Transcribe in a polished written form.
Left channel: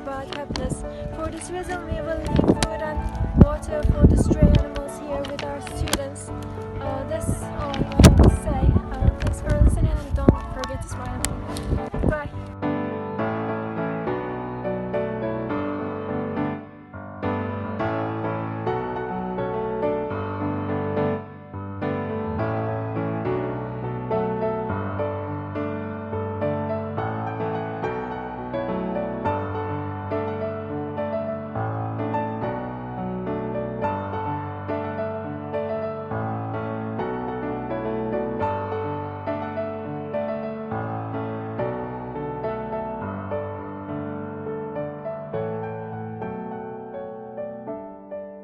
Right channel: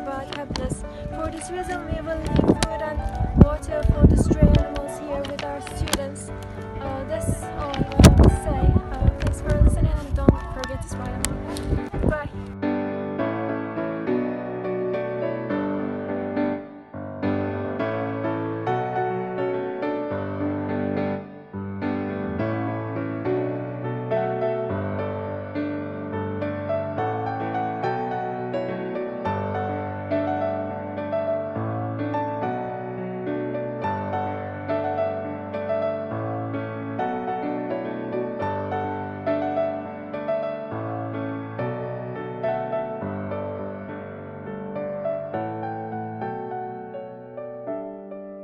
about happiness. For this reason, we will leave food and water for the stray animals here with our students. That's all.